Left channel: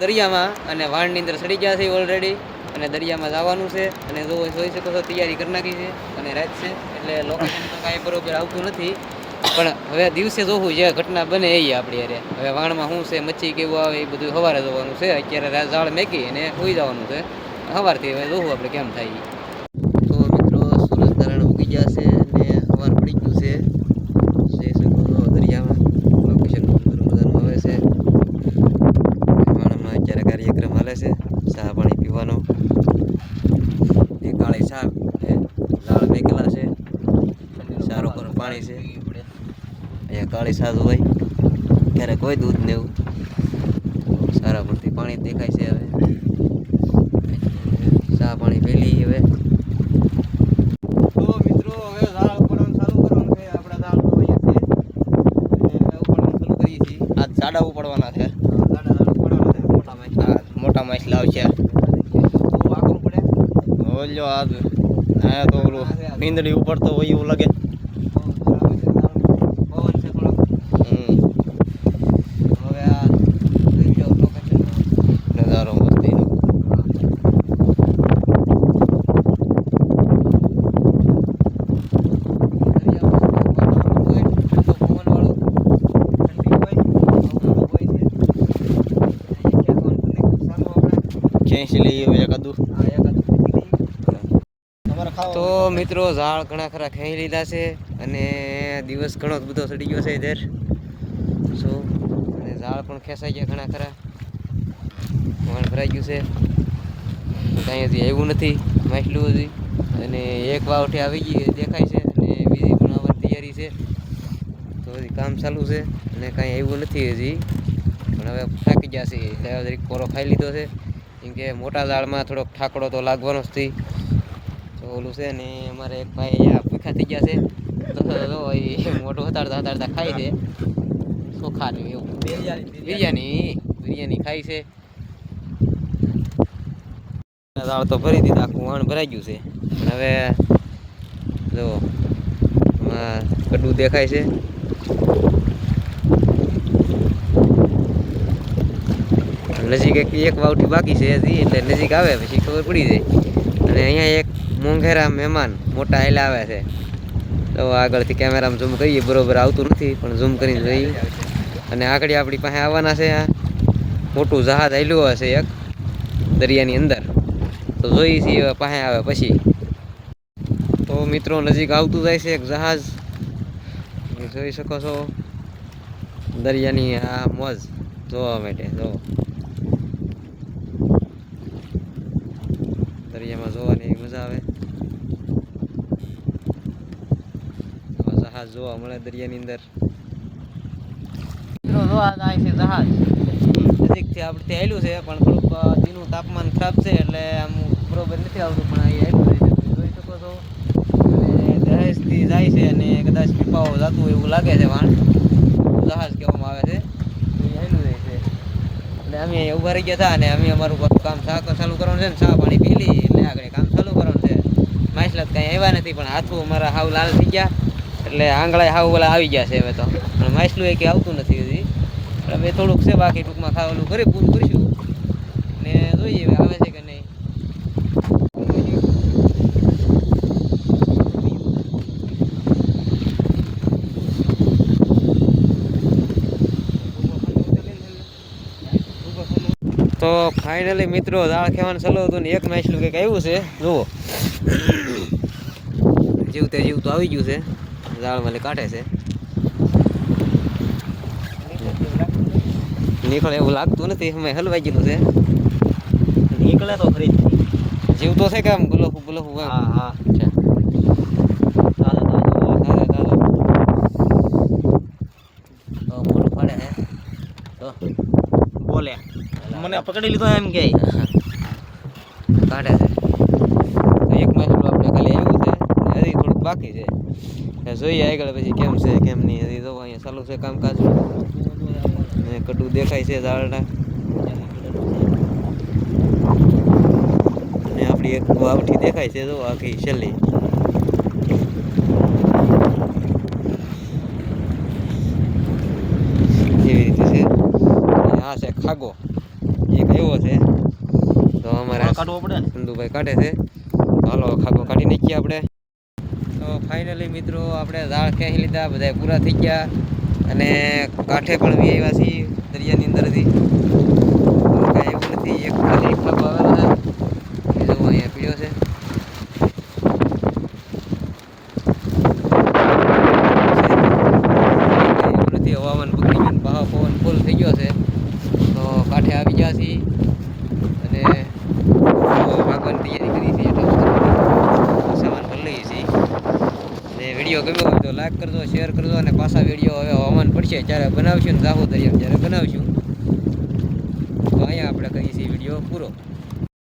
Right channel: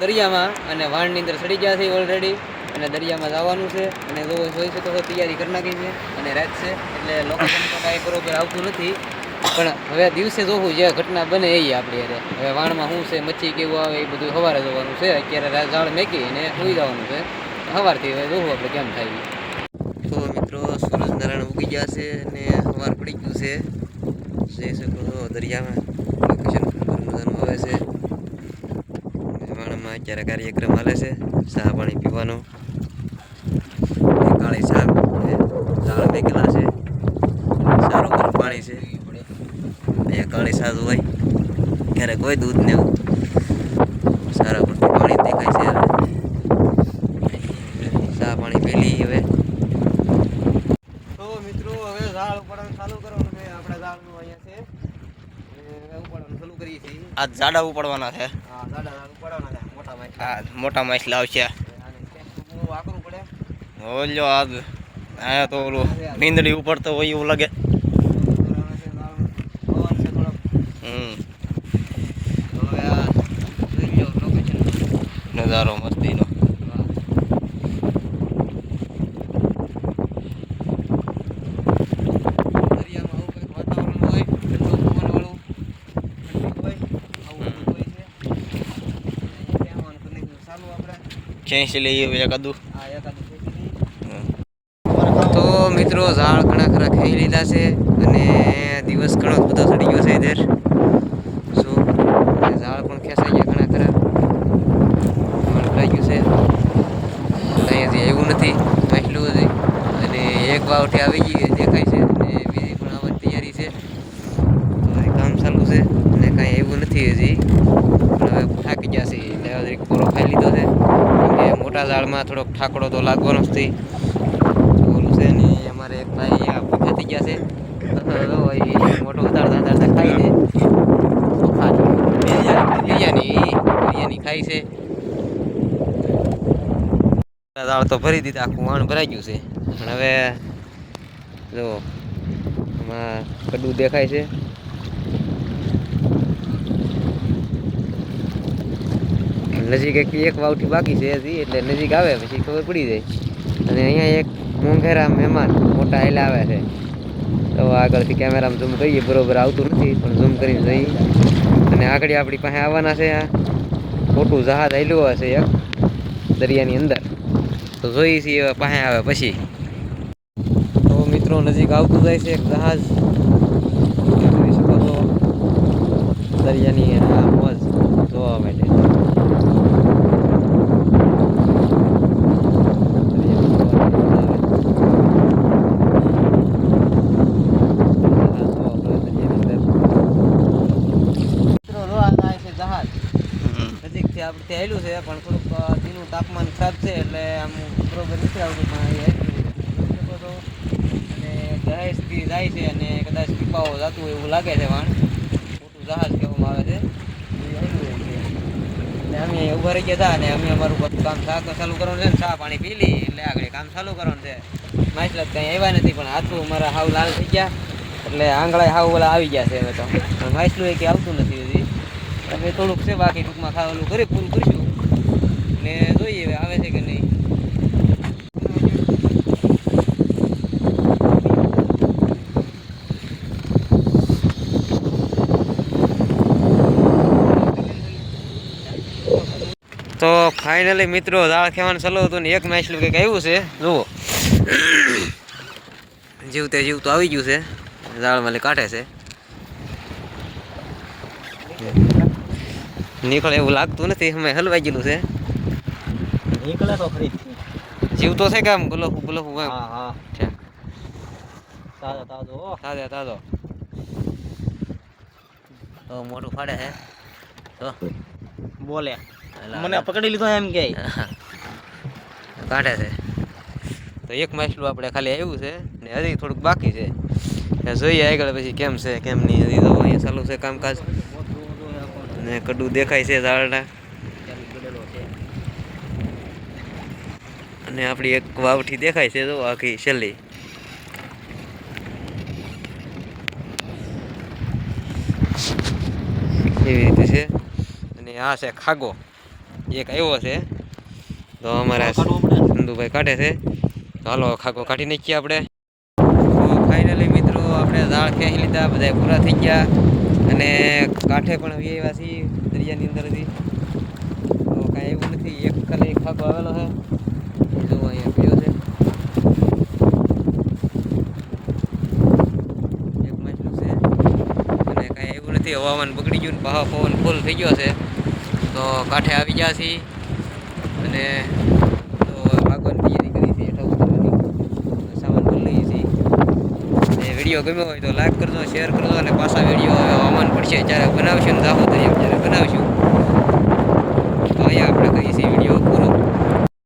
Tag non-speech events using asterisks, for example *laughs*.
દરિયામાં અને વાણની અંદર સડી ગયા છે ઓલરેડી અને દરિયામાં જવાનું છે અને જો જોઈ શકો છો, તૈયારી કરી નાખી છે અને રાત છે એટલે લોકો કાંઈ બરોબર આવતું નથી. પણ હવે દિવસે જોવું જે ઘટના બને એ આપણી અરે હવે વાણમાં શું છે, મચ્છી કેવું આવે, એ બધું સવારે જોવાનું છે. અત્યારે ઝાડ મેકી અને સુઈ જવાનું છે. સવારથી હવે જોવું આપણે કેમ થાય. તો મિત્રો સૂરજનારાયણ ઉગી ગયા છે અને સવાર પડી ગયું છે. જઈ શકો છો, દરિયામાં. લોકેશન મજાનું આવે છે. અત્યારે કાર્યક્રમ હાલે છે ચા પાણી પીવાનો. કાળી શાક દાળ મેકેલા છે સારું ગરમ પાણી છે. અહીંયા કાળી ચા હોય ક્યારેક કોઈ દૂધ ને એવું. સારા પૂરતું પાણી દેખાય છે હવે ચા પાણી પી લઈએ હવે. આ ઝાડા ઉપાડવાના છે. આ મોટા માછ લાવશે આકરું આ તો ઓલું નીંદડી ઉપડતો હોય એવું લાગે પવન છે થોડોક હમ હવે આ જોઈ લો લોકેશન નજારો મસ્તીનો દરિયાનું વાતાવરણ હોય ઠંડુ પવનવાળું ઠંડી હોય આવું હોય છે સારું આપણે ખેંચી લઈએ આ એકાદ તો મિત્રો ઝાડ ઘણા ખરા ખાઈ લીધા છે અને દિવસ ઘણો બધો ચડી ગયો છે ઇધર સો ઝાડ પણ ખેંચાઈ ગયા ઘણા ખરા. થઈ ગયું છે. કંઈ હજી આવ્યું નથી માછલું હજી અને એક વાવઠી આવી ગઈ દેખાય છે. અને બીજી પણ આવવાની તૈયારી છે. કામ ચાલુ છે અને કાંઈ એવું નથી હજી. પણ હવે થાકી ગયા છે એટલે કોરો ખાઈ લીધો છે. કે મોટા ઝાડમાં થોડોક ઠાકડો તો લાગવાનો જ ઓલું છે ને, અમારે એક ભાઈ થઈ ગયા છે. મોટો ઉતારતા ઉતારતા ખાઈ દે બિરયાની છે. દાળ તો ભરી દીધા, આખું વાણ ભરાઈ ગયું છે. પણ હવે જો એમાં કડું દેખાય છે. નજીક એક એક વાવટી બાકી છે હજી, એટલે નજીક આવે, પછી ખબર પડી જાય. અને અહીંયા એક મોંઘેરા મહેમાન મોટા આયેલા આવે છે. તો આગળથી કેમેરામાં ઝૂમ કરીએ, બરોબર આવતું નથી, પણ ઝૂમ કરીને જોઈએ. અને આગળ આપણી પાસે આવવાના છે આ મોટું જહાજ આવેલું હશે એક, દરિયાની અંદર. તો જોઈએ છીએ પાસે આવે પછી. તો મિત્રો, નજીક આવતું જાય છે એક જહાજ. છો દરિયાની આ મોજ જોવા માટે. જહાજ નજીકથી આપણે આવેલું છે પણ થોડુંક દીનું તાપમાન ખરાબ છે એટલે આમ બરોબર નથી આવતું પણ અહીં આવેલું છે. જોઈ શકો છો. અને થાય છે અને કદાચ પીપાઓ જતું એવું લાગે છે વાણ. જહાજ કહેવામાં આવે છે. તો એ આવેલું રહે છે. એટલે અમે ઊભા રહી ગયા હતા અને અમે અમારું કામ ચા ચાલુ કરવાનું છે ને, ચા પાણી પી લઈ એટલે આગળ કામ ચાલુ કરવાનું છે. માછલા કંઈ આવ્યા નથી, પણ હાથું અમારા હાવ લાલ થઈ ગયા. એટલે આંગળા હાવ ઓલા આવી ગયા છે હવે તો. પણ માછલું એ કંઈ આવતું નથી હજી. હવે થોડુંક છે બાકી ટૂંકમાં ખાવાનું કરી પૂરું કર્યું ને જોઈએ હવે આવે છે કે નહીં. તો ફાઇનલી મિત્રો દાળ ખેવાનું ચાલુ હતું ને એક માછલું કંઈક આવ્યું છે જુઓ. જીવતે જીવતું આવી ગયું છે. દાળમાં લે કાઢે છે. નીકળે એવું લાગતું નથી અમે હલવાઈ ગયેલું છે. નીકળે તો ખરી. જીવતો છે કે આમ ગુલાબુ ગુલાબુ હા હા. મોઢું ફાડે છે તો. બોલે. મને પકડી લીધો એમ કે. *laughs* કાઢે છે. તો એક માછલું આપણે ખાલી આવ્યું છે હજી થોડુંક બાકી છે. જોઈએ આગળ પછી કેમ છે કેમ નહીં હજી તો અહીંયા ચાલુ છે કામકાજ. ને કડું દેખાય છે ઝાડના. અને આપણી એક વાવઠી દેખાય છે જો આખી છેલ્લી. એવી રીતે છે. આ છે ખાગો. એક આવ્યો છે. તો અમારે ચંદુભાઈ કાઢે છે. હાલો ખાગો કાઢી નાખીએ આપણે. તો ફાઇનલી મિત્રો આપણે ઝાડ ખેંચી લીધા બધા પૂરા થઈ ગયા. અને કાંઠે પણ બી આવ્યા છીએ દરિયાની અંદરથી. કાંઈ એવું નથી એક ખાલી ખાગો આવેલો છે. જો અહીંયા પીયો છે. હવામાન બગડી ગયું ને પહા પવન ફૂલ થઈ ગયો છે. તો કાંઠે આવી ગયા છીએ અને ભાગવાની તૈયારી કરી છે એટલે સામાન છીએ. અને વીડિયો ગમ્યો હોય તો લાઈક કરજો શેર કરજો અને પાછા વીડિયો હવે હવામાન પડશે જ્યારે બનાવશું ને દાહોદ ત્યારે બનાવશું. તો અહીંયા આપણે કહીએ છીએ વીડિયો પૂરો.